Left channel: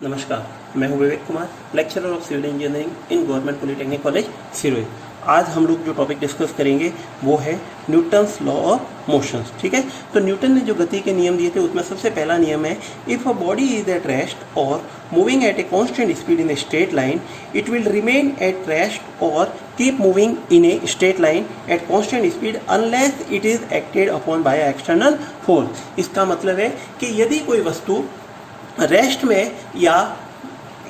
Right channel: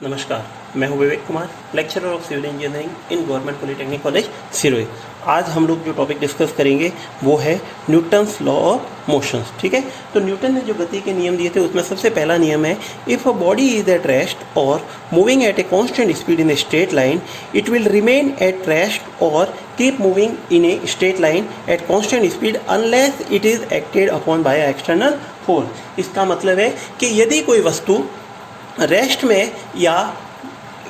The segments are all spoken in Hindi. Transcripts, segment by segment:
नमस्कार, मैं हूं Vivek Kumar, lecturer of civil engineering in government polytechnic college Sirohi. आज हम लोग जो टॉपिक डिस्कस करेंगे वो है न्यूटन्स लॉ ऑफ मोशंस। ठीक है, तो न्यूटन ने जो गति के नियम दिए थे उसमें सबसे पहला नियम है, if a body is at rest or moving at a constant speed in a straight line, it will remain at rest or keep moving in a straight line at constant speed unless it is acted upon by external force. इसका मतलब है कि यदि कोई वस्तु रेस्ट में या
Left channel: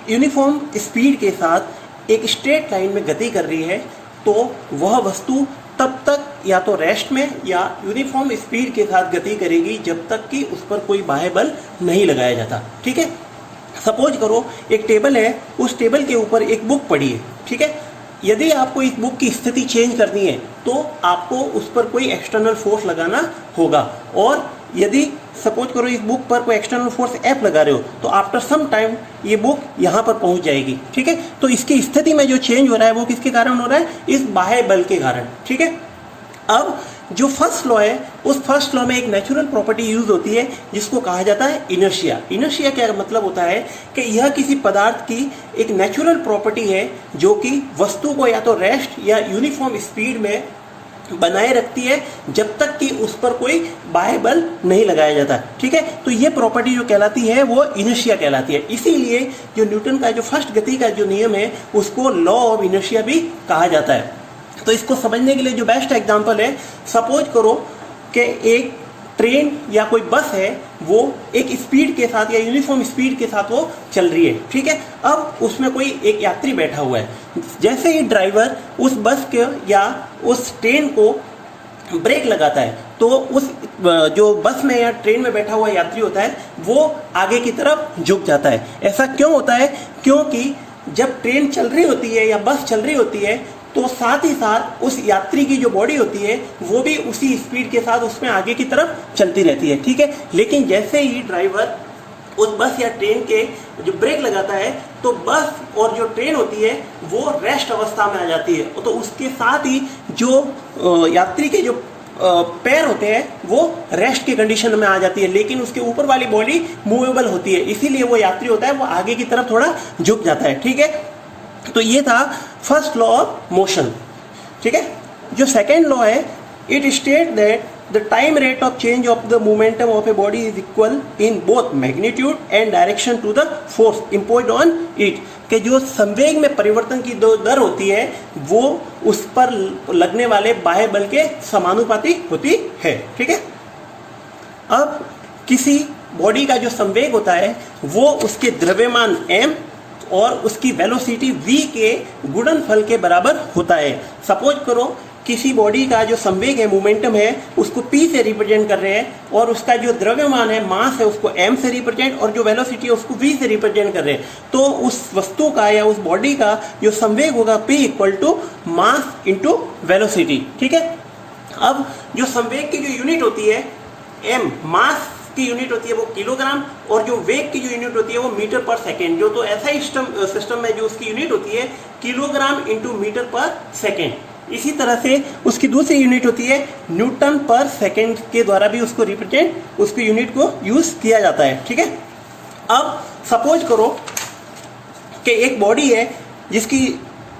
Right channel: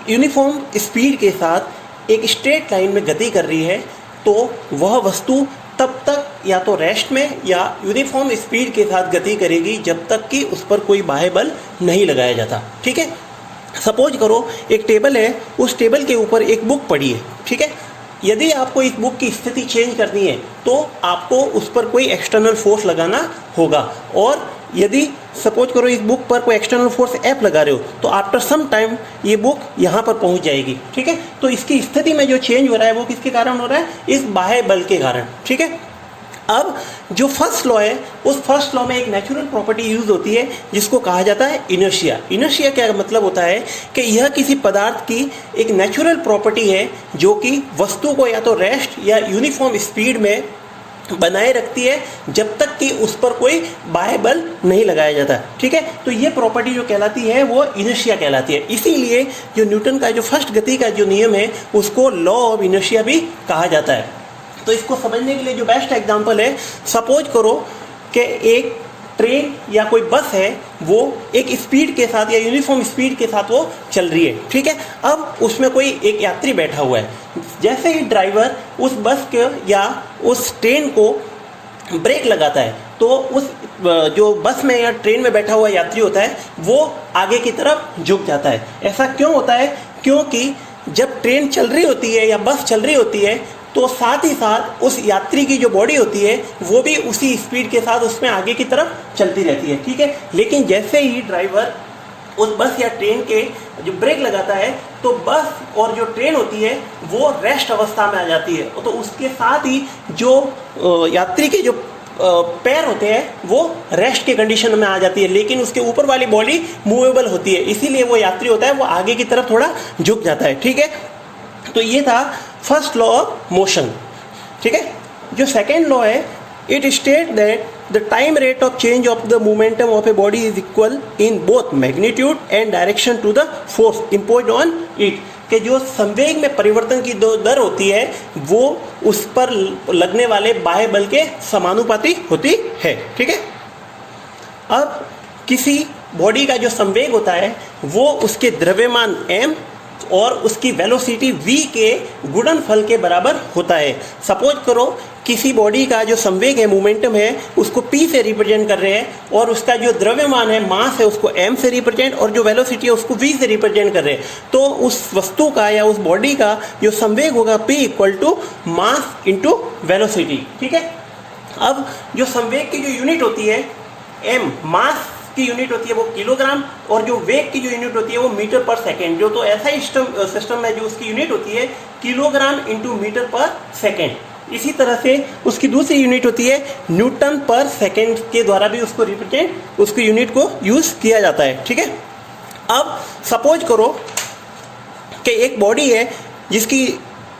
यूनिफॉर्म स्पीड के साथ एक स्ट्रेट लाइन में गति कर रही है तो वह वस्तु तब तक या तो रेस्ट में या यूनिफॉर्म स्पीड के साथ गति करेगी जब तक कि उस पर कोई बाह्य बल नहीं लगाया जाता। ठीक है, सपोज करो एक टेबल है, उस टेबल के ऊपर एक बुक पड़ी है। ठीक है, यदि आपको इस बुक की स्थिति चेंज करनी है तो आपको उस पर कोई एक्सटर्नल फोर्स लगाना होगा, और यदि सपोज करो इस बुक पर कोई एक्सटर्नल फोर्स F लगा रहे हो तो आफ्टर सम टाइम ये बुक यहाँ पर पहुँच जाएगी। ठीक है, तो इसकी स्थिति में जो चेंज हो रहा है वो किसके कारण हो रहा है? इस बाह्य बल के कारण। ठीक है, अब जो फर्स्ट लॉ है उस फर्स्ट लॉ में एक नेचुरल प्रॉपर्टी यूज होती है जिसको कहा जाता है इनर्शिया। इनर्शिया क्या मतलब होता है कि यह किसी पदार्थ की एक नेचुरल प्रॉपर्टी है जो कि वस्तु को या तो रेस्ट या यूनिफॉर्म स्पीड में बनाए रखती है जब तक कि उस पर कोई बाह्य बल नहीं लगाया जाता। ठीक है, तो ये प्रॉपर्टी जो कहलाती है वो इनर्शिया कहलाती है। इसीलिए जो न्यूटन का जो फर्स्ट गति का जो नियम है उसको लॉ ऑफ इनर्शिया भी कहा जाता है। तो इसको समझने के लिए जो बेस्ट एग्जांपल है, सपोज करो कि एक ट्रेन या कोई बस है, वो एक स्पीड के साथ या यूनिफॉर्म स्पीड के साथ वो चल रही है। ठीक है, अब उसमें कोई एक यात्री बैठा हुआ है। जैसे ही ड्राइवर उस बस के या उस ट्रेन को ब्रेक लगाता है तो उस जो बस में या ट्रेन में बैठा हुआ यात्री होता है वो आगे की तरफ झुक जाता है। ऐसा क्यों होता है? क्योंकि जब ट्रेन चल रही होती है या बस चल रही होती है तो साथ ही साथ उस यात्री की जो बॉडी होती है वो भी उसी स्पीड के साथ उसमें आगे की तरफ चलती रहती है। ठीक है, लेकिन जैसे ही ड्राइवर उस बस या ट्रेन के जो ब्रेक लगाता है तो बस और जो ट्रेन होती है वो रेस्ट अवस्था में आ जाती है, तो उसके साथ ही जो यात्री के जो पैर होते हैं वो रेस्ट के कंडीशन में आ जाती है, लेकिन उसके ऊपर वाली बॉडी मूवेबल होती है, इसीलिए वो यात्री होता है वो आगे की तरफ थोड़ा झुक जाता है। ठीक है, तो ये था फर्स्ट लॉ ऑफ मोशन। ठीक है, जो सेकेंड लॉ है, it state that the time rate of change of the momentum of a body is equal in both magnitude and direction to the force imposed on it. कि जो संवेग में परिवर्तन की जो दर होती है वो उस पर लगने वाले बाह्य बल के समानुपाती होती है। ठीक है, अब किसी बॉडी का जो संवेग होता है वो उसके द्रव्यमान m और उसकी वेलोसिटी v के गुणनफल के बराबर होता है। सपोज करो किसी बॉडी का जो संवेग है, मोमेंटम है, उसको p से रिप्रेजेंट कर रहे हैं और उसका जो द्रव्यमान है, मास है, उसको m से रिप्रेजेंट, और जो वेलोसिटी है उसको v से रिप्रेजेंट कर रहे हैं। तो उस वस्तु का या उस बॉडी का जो संवेग होगा p equal to mass into velocity. ठीक है, अब जो संवेग की जो यूनिट होती है m, मास की यूनिट होती है वो किलोग्राम, और जो वेग की जो यूनिट होती है वो मीटर पर सेकेंड। जो तो ऐसा ही सिस्टम में जो उसकी यूनिट होती है किलोग्राम इंटू मीटर पर सेकेंड। इसी तरह से उसकी दूसरी यूनिट होती है न्यूटन पर सेकेंड के द्वारा भी उसको रिप्रेजेंट, उसकी यूनिट को यूज किया जाता है। ठीक है, अब सपोज करो कि एक बॉडी है जिसकी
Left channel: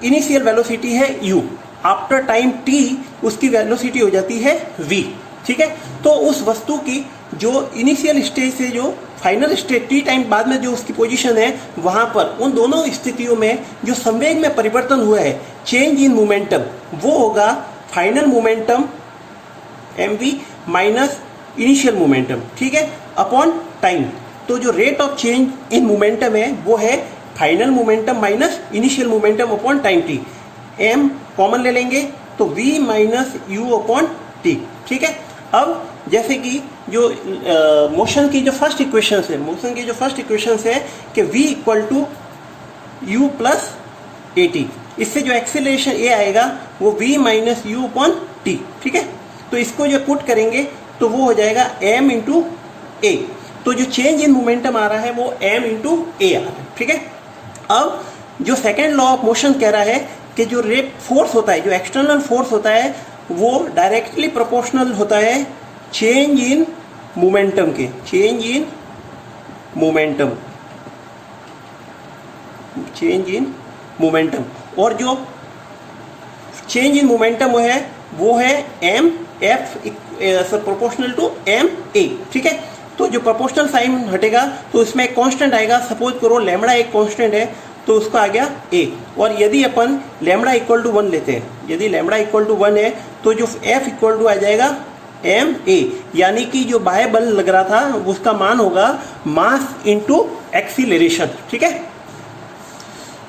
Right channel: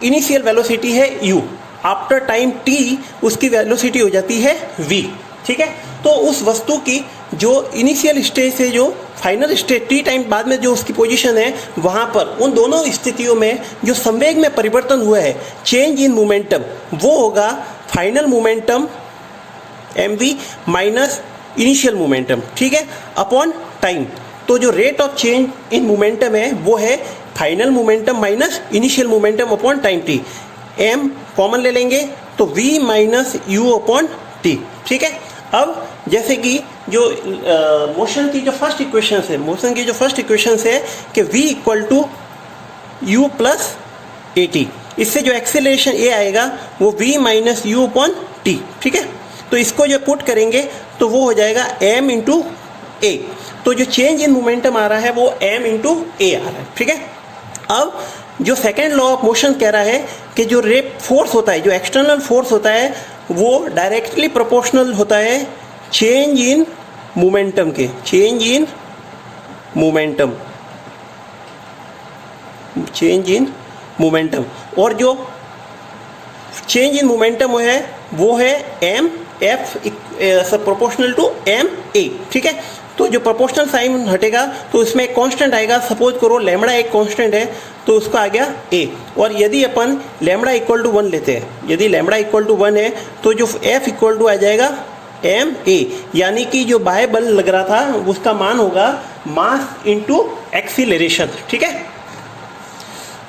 इनिशियल वेलोसिटी है u, आफ्टर टाइम t उसकी वेलोसिटी हो जाती है v। ठीक है, तो उस वस्तु की जो इनिशियल स्टेज से जो फाइनल स्टेज t टाइम बाद में जो उसकी पोजीशन है वहाँ पर उन दोनों स्थितियों में जो संवेग में परिवर्तन हुआ है, चेंज इन मोमेंटम, वो होगा final momentum mv minus initial momentum. ठीक है, अपॉन टाइम। तो जो rate of change in momentum है वो है final momentum minus initial momentum upon time t। m common ले लेंगे तो v minus u upon t। ठीक है, अब जैसे कि जो मोशन की जो फर्स्ट इक्वेशन है, कि v equal to u plus a t, इससे जो एक्सेलरेशन a आएगा वो v minus u upon t. ठीक है, तो इसको जो पुट करेंगे तो वो हो जाएगा m इंटू ए। तो जो चेंज इन मोमेंटम आ रहा है वो m इंटू ए आ रहा है। ठीक है, अब जो सेकेंड लॉ ऑफ मोशन कह रहा है कि जो फोर्स होता है, जो एक्सटर्नल फोर्स होता है वो डायरेक्टली प्रोपोर्शनल होता है चेंज इन मोमेंटम के। Change in momentum change in momentum, और जो चेंज इन मोमेंटम है वो है m f proportional to m a, ठीक है। तो जो प्रोपोर्शनल साइन हटेगा तो उसमें एक कांस्टेंट आएगा, सपोज करो लैम्बडा एक कांस्टेंट है तो उसका आ गया ए, और यदि अपन लैम्बडा इक्वल टू 1 लेते हैं, यदि लैम्बडा इक्वल टू 1 है तो जो एफ इक्वल टू आ जाएगा एम ए, यानी कि जो बाह्य बल लग रहा था उसका मान होगा मास इनटू एक्सीलरेशन, ठीक है।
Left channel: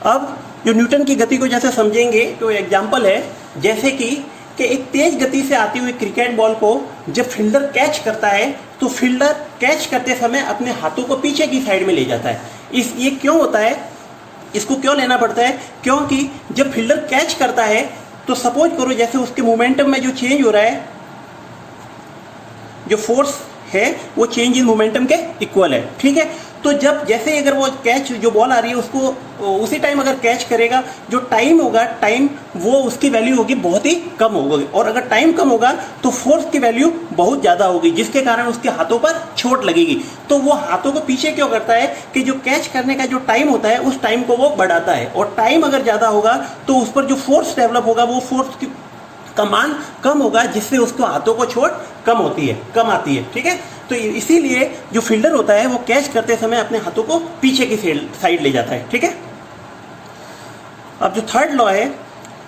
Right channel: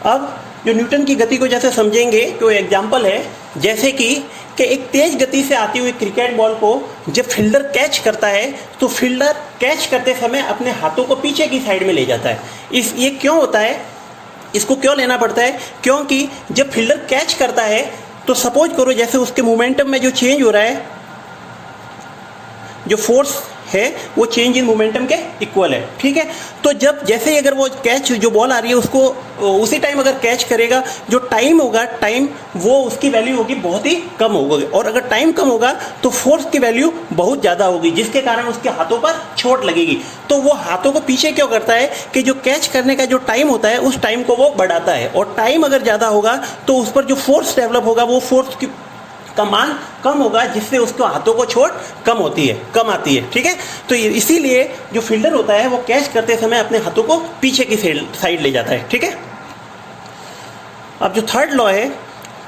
अब जो न्यूटन की गति को जैसे समझेंगे तो एग्जांपल है जैसे कि एक तेज गति से आती हुई क्रिकेट बॉल को जब फील्डर कैच करता है तो फील्डर कैच करते समय अपने हाथों को पीछे की साइड में ले जाता है। ये क्यों होता है, इसको क्यों लेना पड़ता है, क्योंकि जब फील्डर कैच करता है तो सपोज करो जैसे उसके मोमेंटम में जो चेंज हो रहा है, जो फोर्स है वो चेंज इन मोमेंटम के इक्वल है, ठीक है। तो जब जैसे अगर वो कैच जो बॉल आ रही है उसको उसी टाइम अगर कैच करेगा, जो टाइम होगा टाइम वो उसकी वैल्यू होगी बहुत ही कम होगी, और अगर टाइम कम होगा तो फोर्स की वैल्यू बहुत ज़्यादा होगी, जिसके कारण उसके हाथों पर चोट लगेगी। तो वो हाथों को पीछे क्यों करता है कि जो कैच करने का जो टाइम होता है उस टाइम को वो बढ़ाता है, और टाइम अगर ज़्यादा होगा तो उस पर जो फोर्स डेवलप होगा वो फोर्स का मान कम होगा, जिससे उसको हाथों को चोट कम आती है, ठीक है। तो इसीलिए जो फील्डर होता है वो कैच करते समय अपने हाथों को पीछे की साइड ले जाता है, ठीक है। अब जो थर्ड लॉ है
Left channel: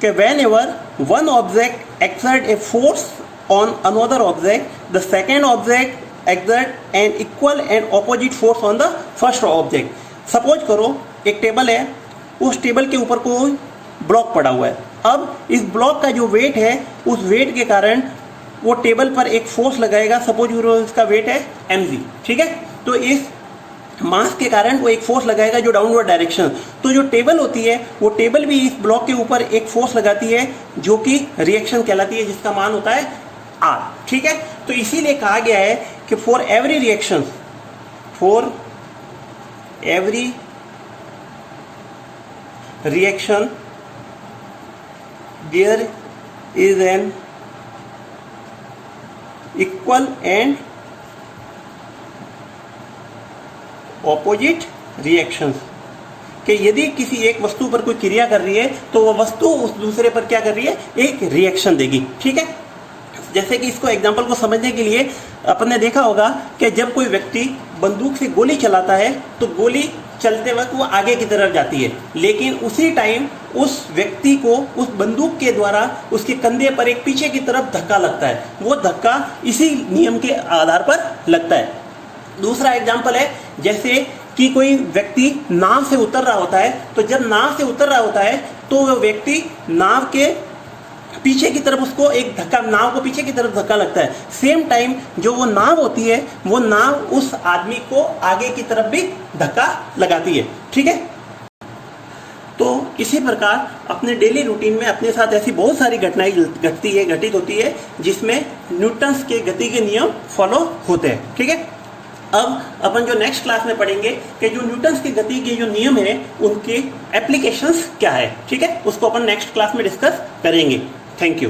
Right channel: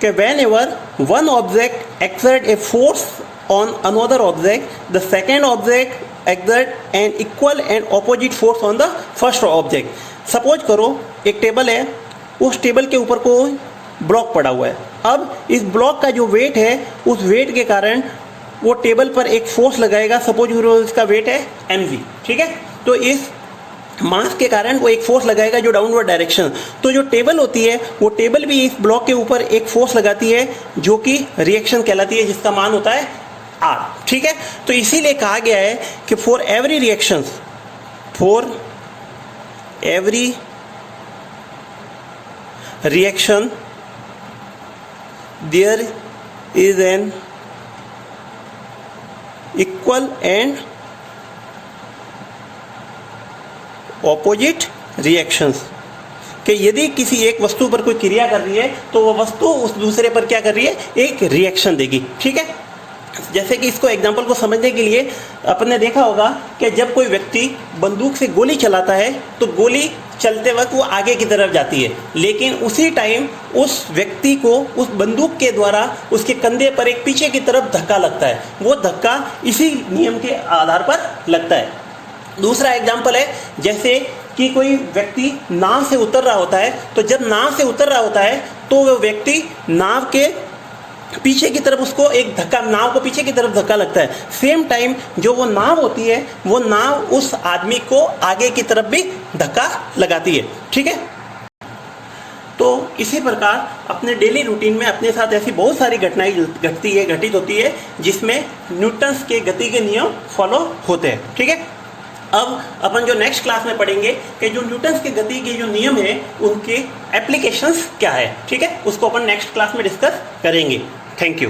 कि whenever one object exert a force on another object, the second object exert an equal and opposite force on the first object. Suppose करो एक टेबल है, उस टेबल के ऊपर कोई ब्लॉक पड़ा हुआ है। अब इस ब्लॉक का जो वेट है उस वेट के कारण वो टेबल पर एक फोर्स लगाएगा, सपोज इसका वेट है mg, ठीक है। तो इस मास के कारण वो एक फोर्स लगाएगा जो डाउनवर्ड डायरेक्शन, तो जो टेबल होती है वो टेबल भी इस ब्लॉक के ऊपर एक फोर्स लगाती है जो कि रिएक्शन कहलाती है, जिसका मान होता है r, ठीक है। तो इसीलिए कहा गया है कि for every reaction there is an equal and opposite reactions, कि यदि किसी एक वस्तु पर कोई क्रिया कर रही है तो वह वस्तु उस दूसरे पर क्या कर रही है, एक रिएक्शन देगी, ठीक है। जैसे कि इसको एग्जांपल को समझने के लिए अपन ने देखा होगा कि जब कोई व्यक्ति बंदूक से गोली चलाता है तो गोली चलते वक्त वो आगे की तरफ जाती है, लेकिन उसी टाइम उस व्यक्ति को उस बंदूक के द्वारा उसके कंधे पर एक पीछे की तरफ धक्का लगता है, वो धक्का इसी नियम के आधार पर लगता है। दूसरा एग्जाम्पल है जैसे कि कोई व्यक्ति नाव से उतर रहा होता है, तो जब नाव से उतर रहा होता है तो वह व्यक्ति नाव के पीछे की तरफ उसको एक धक्का, नाव को पीछे की तरफ धक्का लगता है। सेम टाइम जो वो नाव होती है वो नाव उस आदमी को आगे की तरफ भी धक्का लगाती है, ठीक है। तो इसी प्रकार अपने डेली रूटीन में अपने साथ ऐसी बहुत सारी घटनाएं घटित होती है जिसमें न्यूटन्स के गति के नियम फॉलो होते हैं, ठीक है। अब अपन जो नेक्स्ट क्लास में पढ़ेंगे कि जो न्यूटन्स की गति के जो नियम है उनके एप्लीकेशंस क्या है, ठीक है, उसको अपन नेक्स्ट क्लास में डिस्कस करेंगे। Thank you.